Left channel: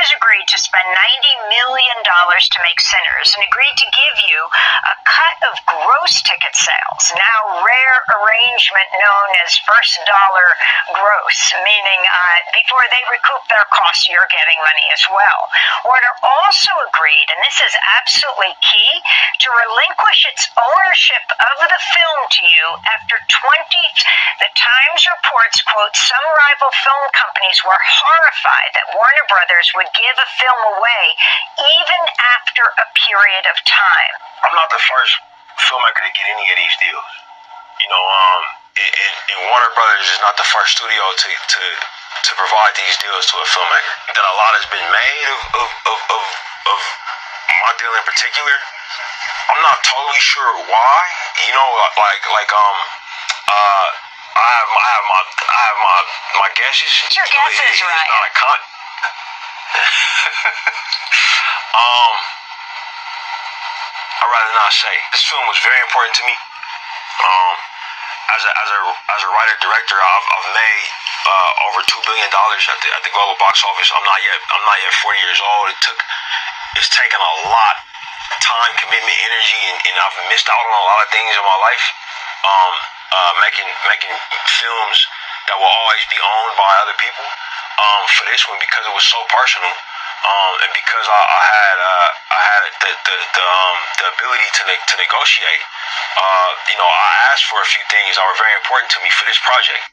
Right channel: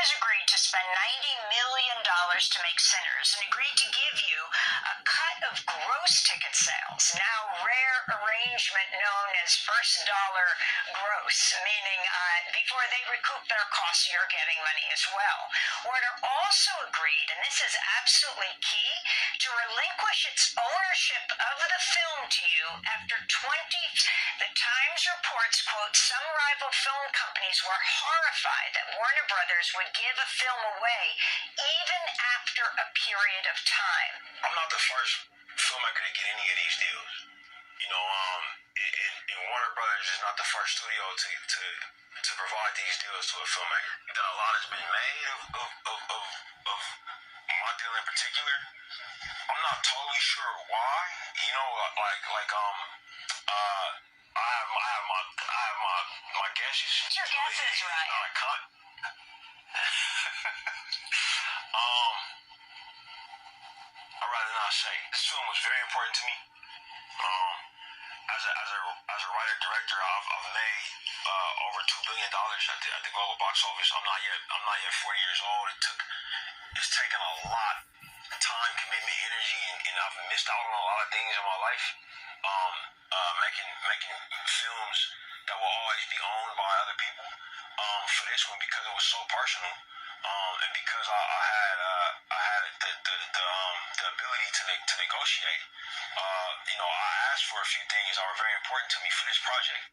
brothers agreed to spend $90 million to make Sinners and agreed to give you a cut of gross ticket sales, now rare arrangement known as first dollar gross, meaning before they recoup their costs, you're getting money as well. Warner also agreed, and this is absolutely key, to relinquish its ownership of the film to you after 20. The Times reports, quote, some rival film companies were horrified that Warner Brothers would give a film away even after a period of time. I'm not the first filmmaker to get any of these deals. You know, and Warner Brothers is not the first studio to provide these deals to a filmmaker. That a lot has been made of my deal in particular. I'm not totally sure why. You know, I have my guesses. It's your guesses, It's right? not a con. I'd rather not say. This film was very important to me. As a writer director, I've made over $2 billion at the global box office. I'm not yet 40 years old. It's taken a lot of time, commitment, energy, and I've missed out on a lot of things in my life. Making films that will always be owned by other people. For this one, because it was so personal, and because I had the ability to negotiate. You know, I asked for a few things that were very important to me for this project.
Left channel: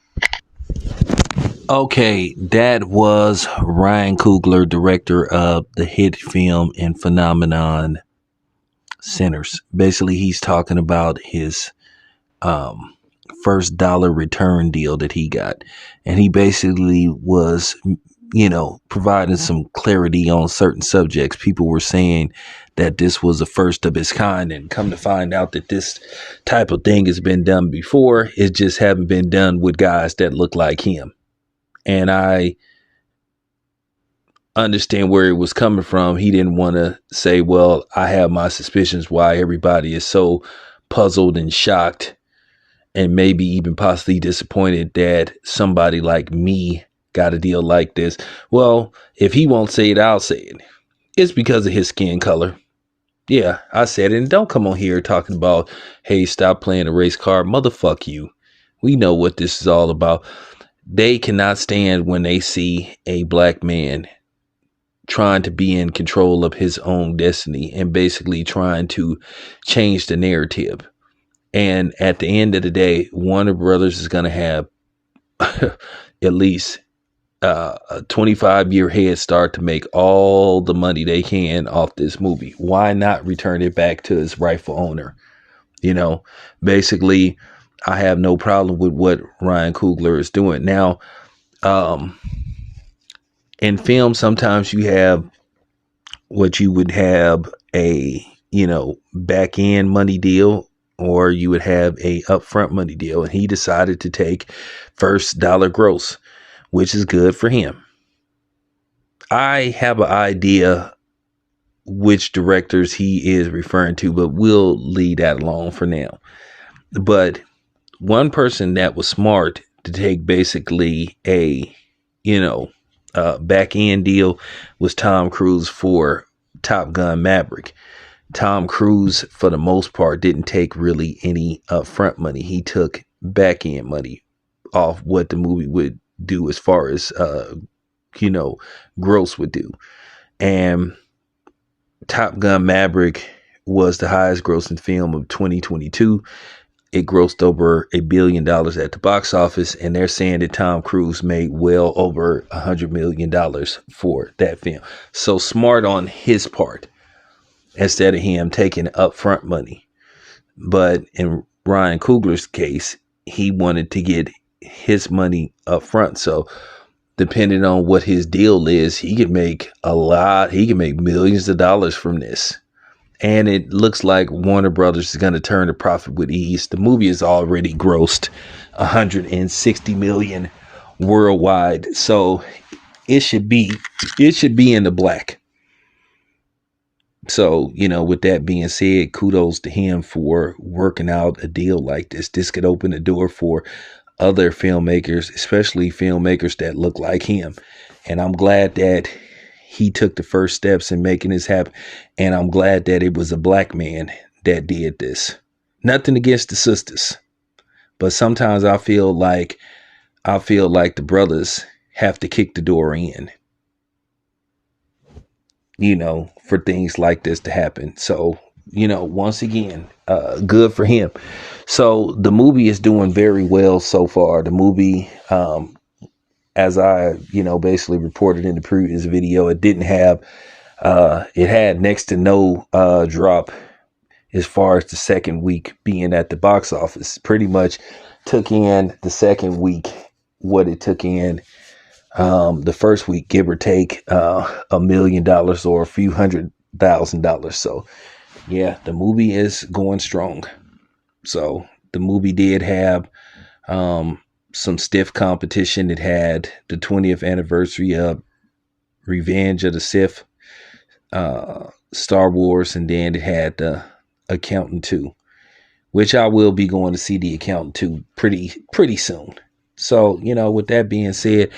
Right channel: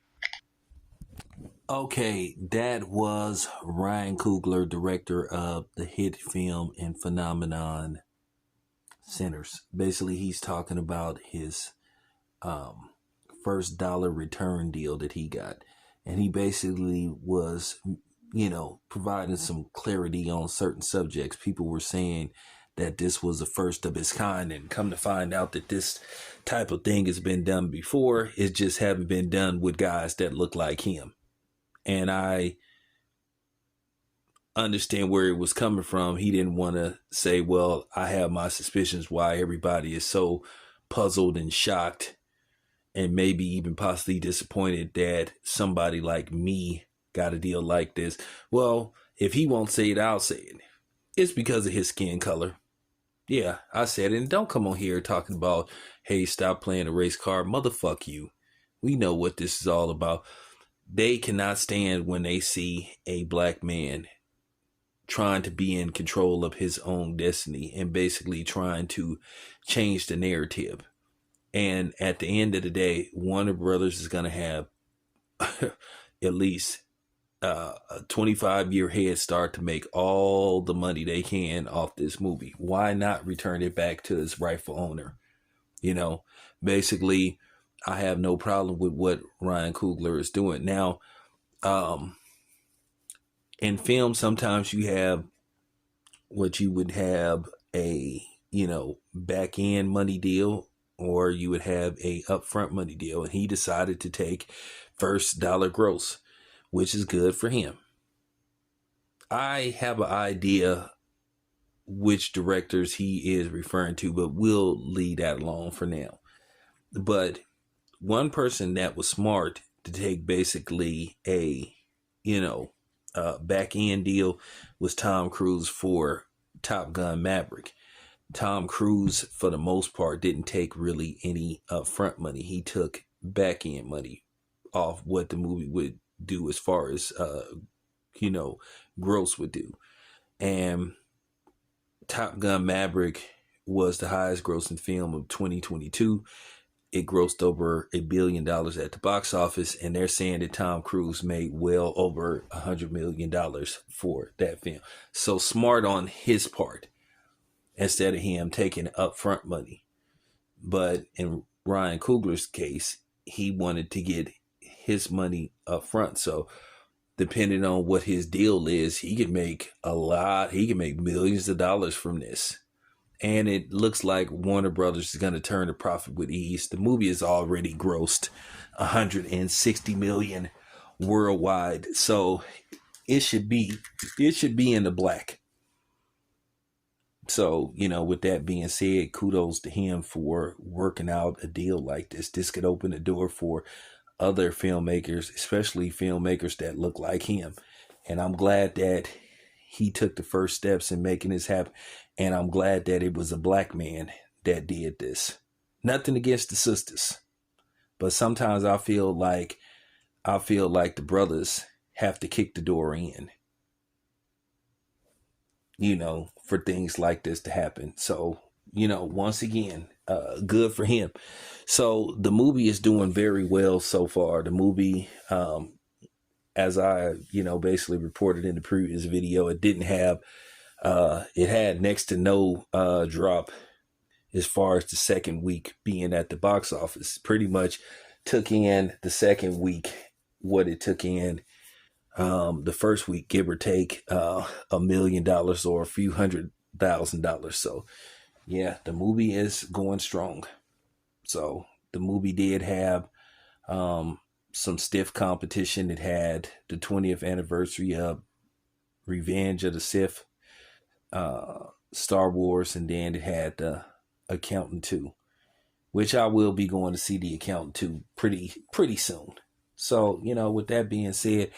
Okay, that was Ryan Coogler, director of the hit film and phenomenon Sinners. Basically, he's talking about his first dollar return deal that he got. And he basically was, you know, providing some clarity on certain subjects. People were saying that this was the first of its kind, and come to find out that this type of thing has been done before. It just haven't been done with guys that look like him. And I understand where it was coming from. He didn't want to say, well, I have my suspicions why everybody is so puzzled and shocked and maybe even possibly disappointed that somebody like me got a deal like this. Well, if he won't say it, I'll say it. It's because of his skin color. Yeah, I said it. And don't come on here talking about, hey, stop playing a race card. Motherfuck you. We know what this is all about. They cannot stand when they see a black man trying to be in control of his own destiny and basically trying to change the narrative. And at the end of the day, Warner Brothers is going to have at least a 25-year head start to make all the money they can off this movie. Why not return it back to its rightful owner? You know, basically, I have no problem with what Ryan Coogler is doing. Now, in film, sometimes you have what you would have a, you know, back end money deal, or you would have a upfront money deal. And he decided to take first dollar gross, which is good for him. I have an idea which directors he is referring to, but we'll leave that alone for now. But one person that was smart to take basically a, you know, back end deal was Tom Cruise for Top Gun Maverick. Tom Cruise, for the most part, didn't take really any upfront money. He took back end money off what the movie would do as far as, you know, gross would do. And Top Gun Maverick was the highest grossing film of 2022. It grossed over $1 billion at the box office, and they're saying that Tom Cruise made well over $100 million for that film. So smart on his part, instead of him taking upfront money. But in Ryan Coogler's case, he wanted to get his money up front. So depending on what his deal is, he could make a lot. He can make millions of dollars from this. And it looks like Warner Brothers is going to turn a profit with ease. The movie has already grossed $160 million worldwide. So it should be in the black. So, you know, with that being said, kudos to him for working out a deal like this. This could open the door for other filmmakers, especially filmmakers that look like him. And I'm glad that he took the first steps in making this happen. And I'm glad that it was a black man that did this. Nothing against the sisters, but sometimes I feel like the brothers have to kick the door in, for things like this to happen. So, once again, good for him. So the movie is doing very well so far. The movie, as I, basically reported in the previous video, it didn't have, it had next to no drop as far as the second week being at the box office. Pretty much took in the second week what it took in the first week, give or take $1 million or a few $100,000. So yeah, the movie is going strong. So the movie did have some stiff competition. It had the 20th anniversary of Revenge of the Sith, Star Wars, and then it had the Accountant 2, which I will be going to see the Accountant 2 pretty soon. So, with that being said,